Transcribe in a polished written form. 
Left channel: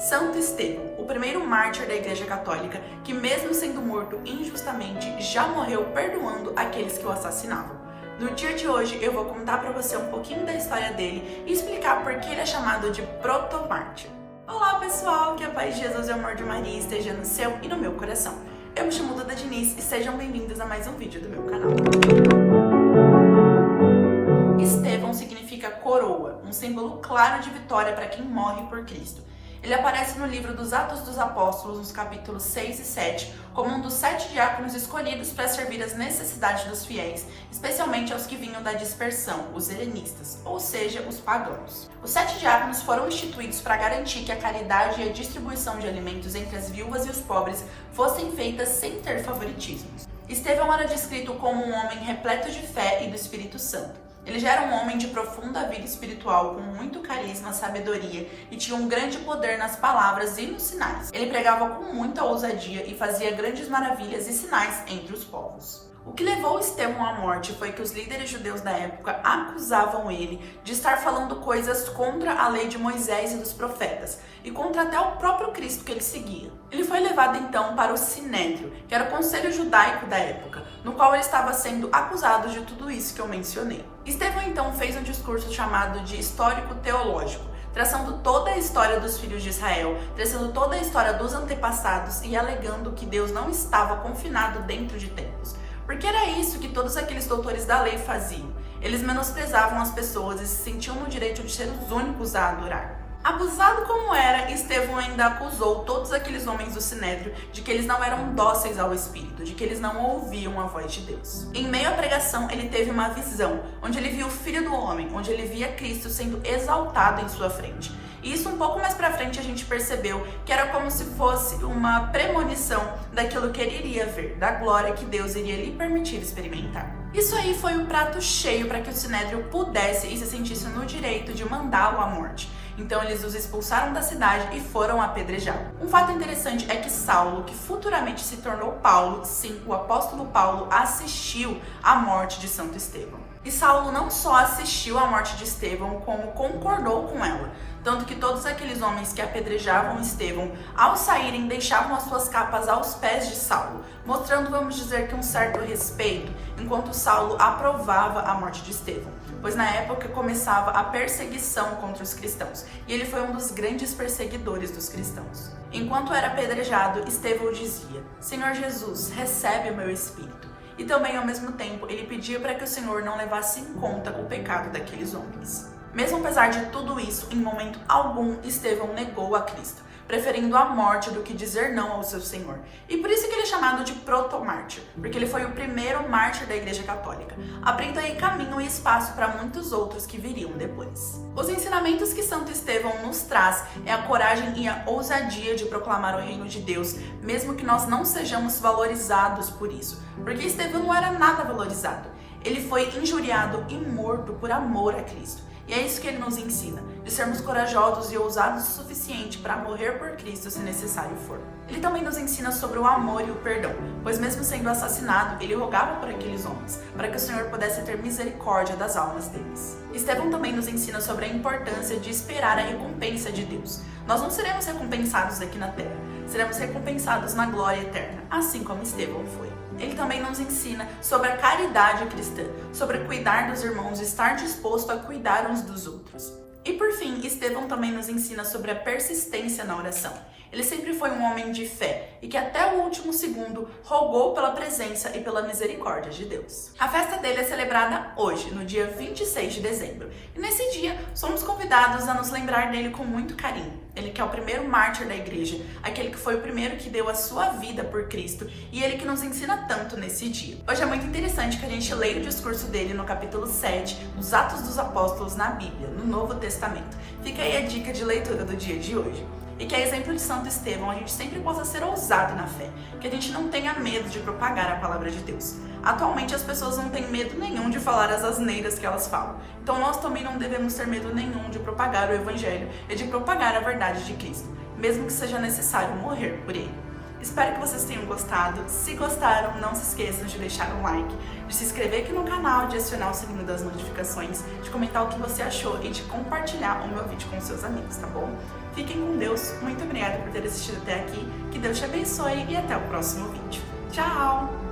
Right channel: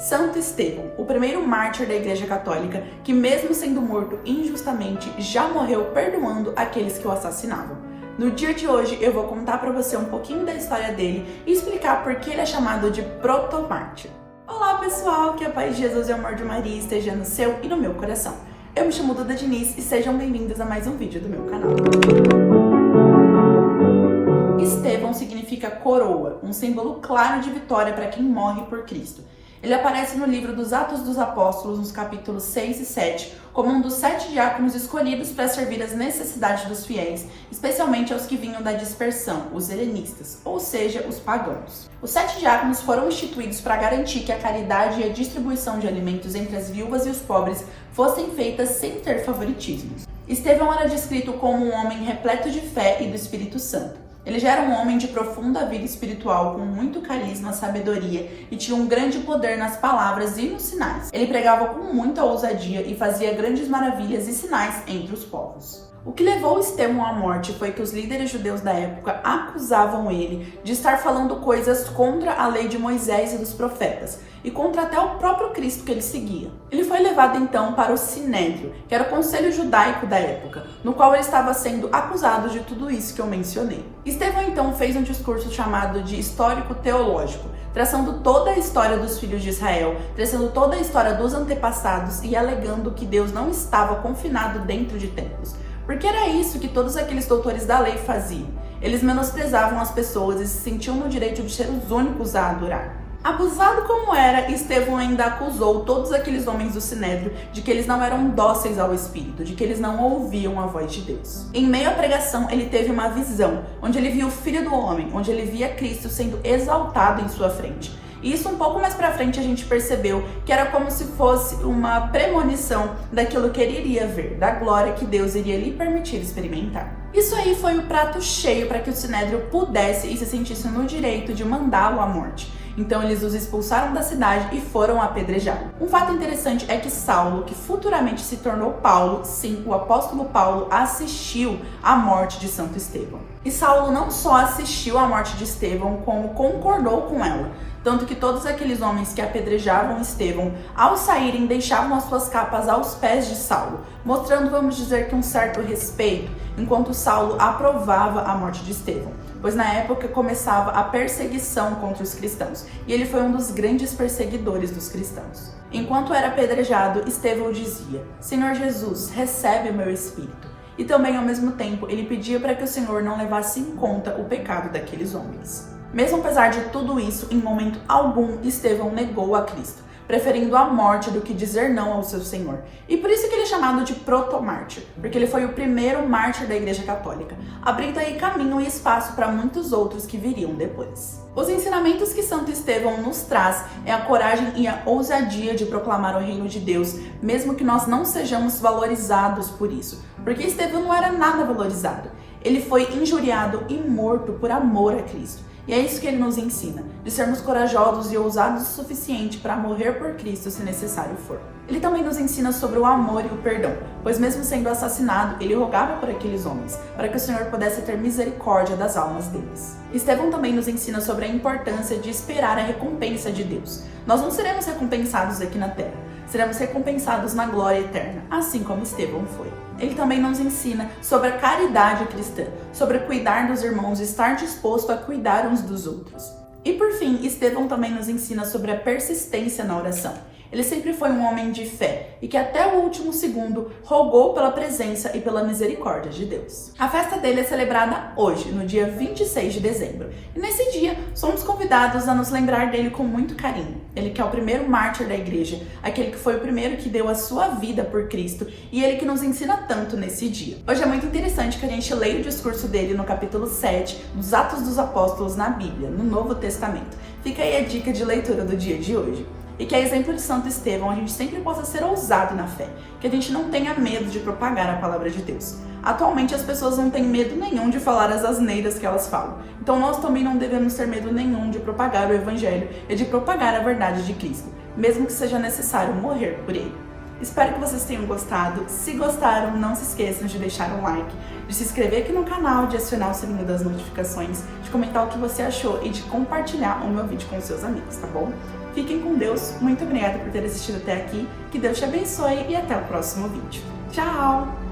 Santo Estevão, o primeiro mártir da Igreja Católica, que mesmo sendo morto injustamente, já morreu perdoando aqueles que o assassinavam. No dia de hoje eu vou contar para você um pouquinho da história dele e explicar por que ele é chamado de protomártir. Olá pessoal, que a paz de Jesus e o amor de Maria esteja no seu e no meu coração. Eu me chamo Duda Diniz e sejam bem-vindos a mais um vídeo do meu canal. Estevão significa coroa, um símbolo claro de vitória para quem morre por Cristo. Ele aparece no livro dos Atos dos Apóstolos, nos capítulos 6 e 7, como um dos 7 diáconos escolhidos para servir às necessidades dos fiéis, especialmente aos que vinham da dispersão, os helenistas, ou seja, os pagãos. Os 7 diáconos foram instituídos para garantir que a caridade e a distribuição de alimentos entre as viúvas e os pobres fossem feitas sem ter favoritismos. Estevão era descrito como um homem repleto de fé e do Espírito Santo. Ele já era um homem de profunda vida espiritual, com muito carisma, sabedoria e tinha um grande poder nas palavras e nos sinais. Ele pregava com muita ousadia e fazia grandes maravilhas e sinais entre os povos. O que levou Estevão à morte foi que os líderes judeus da época acusavam ele de estar falando coisas contra a lei de Moisés e dos profetas, e contra até o próprio Cristo que ele seguia. Ele foi levado então para o Sinédrio, que era o conselho judaico da época, no qual ele estava sendo acusado de tudo isso que eu mencionei. Estevão então fez um discurso chamado de histórico-teológico, traçando toda a história dos filhos de Israel, traçando toda a história dos antepassados e alegando que Deus não estava confinado dentro de templos. Porque era isso que todos aqueles doutores da lei faziam. Eles menosprezavam as pessoas e se sentiam no direito de ser os únicos a adorar. Abusado como era, Estevão ainda acusou todos aqueles homens do Sinédrio de que eles não eram dóceis ao Espírito, de que eles não ouviam a voz de Deus. Em meio à pregação, ele teve uma visão, onde ele viu o Filho do Homem, onde ele via Cristo sendo exaltado em sua frente. E isso um pouco mais pra frente a gente percebeu que era como se fosse uma premonição daquilo que ele iria ver, da glória que Deus iria lhe permitir experimentar. Isso aí foi o prato cheio para que o Sinédrio pudesse e se sentisse no direito de mandá-lo à morte. Então eles os expulsaram da cidade e foram apedrejá-lo. Um fato interessante é que Saulo, que futuramente se tornou Paulo, sim, o apóstolo Paulo, assistiu à morte de Santo Estevão. E Saulo não só assistiu à morte de Estevão, como concordou com ela. Tanto que todos aqueles homens que apedrejavam Estevão, ao saírem, deixavam as suas capas aos pés de Saulo, mostrando, vamos dizer, que um certo respeito, enquanto Saulo aprovava a morte de Estevão, pois na época começava a perseguição contra os cristãos, e ele foi um dos grandes perseguidores dos cristãos. Enquanto era apedrejado, Estevão dizia: Senhor Jesus, recebe o meu espírito. E também, ao mesmo tempo, ele pedia para que o Senhor não levasse em conta o pecado daqueles homens. Mesmo apesar de tudo isso, em momento algum, Estevão negou a Cristo, preferindo a morte do que dizer não ao seu Senhor. E por isso que ele é chamado de protomártir, porque ele foi o primeiro mártir da Igreja Católica, abrindo aí caminho e espaço para muitos outros que viriam depois. Os ensinamentos que Santo Estevão nos traz é a coragem e a ousadia de proclamar o reino de Deus, mesmo que nós não sejamos valorizados por isso, porque Estevão não era nada valorizado. Ele foi injuriado e morto por amor a Cristo. E é isso que ele nos ensina, de sermos corajosos e ousados o suficiente para morrer por Cristo se necessário for. Ele também nos ensina sobre o amor e o perdão, pois mesmo sendo assassinado, ele rogava por aqueles homens, para que o Senhor pudesse ter misericórdia das almas deles. Estevão também nos ensina sobre a importância de esperar a recompensa de Deus. Nós não seremos recompensados aqui na terra, seremos recompensados na glória eterna, assim como Estevão foi. Ele também nos ensina sobre a caridade cristã, sobre cuidar dos irmãos e estar disposto a cuidar uns dos outros. E por fim, Estevão também nos ensina sobre a persistência na oração. Ele sempre foi um homem de fé e que até o último segundo rogou pela presença e pela misericórdia de Deus. A festa dele é celebrada hoje, no dia 26 de dezembro. E nesse dia, somos convidados a nos lembrar dele com muito carinho. Ele que é o primeiro mártir da igreja, aquele que foi o primeiro que deu a sua vida por Cristo e ele que nos ensina tanto nesse dia. Hoje é muito interessante que a gente leia o discurso dele no capítulo 7 dos Atos dos Apóstolos na Bíblia, no Novo Testamento. Fica aí a dica de leitura do dia de hoje. E que a exemplo de Santo Estevão, a gente sempre possa ser ousado na fé, que a gente não tenha medo de propagar a palavra de Deus. Atualmente as pessoas não têm medo nenhum de falar as asneiras que elas falam. Então nós também não devemos ter medo nenhum de propagar o Evangelho e de propagar a verdade de Cristo, mesmo que seja necessário morrer por ele. Espero que vocês tenham gostado. Se gostaram, não se esqueçam de deixar um like, de se inscrever aqui no canal, de acionar o sininho das notificações, de comentar o que você achou e de compartilhar o meu vídeo com seus amigos, tá bom? Fiquem com Deus, muito obrigada por ter assistido até aqui, que Deus te abençoe e até o próximo vídeo. Tchau!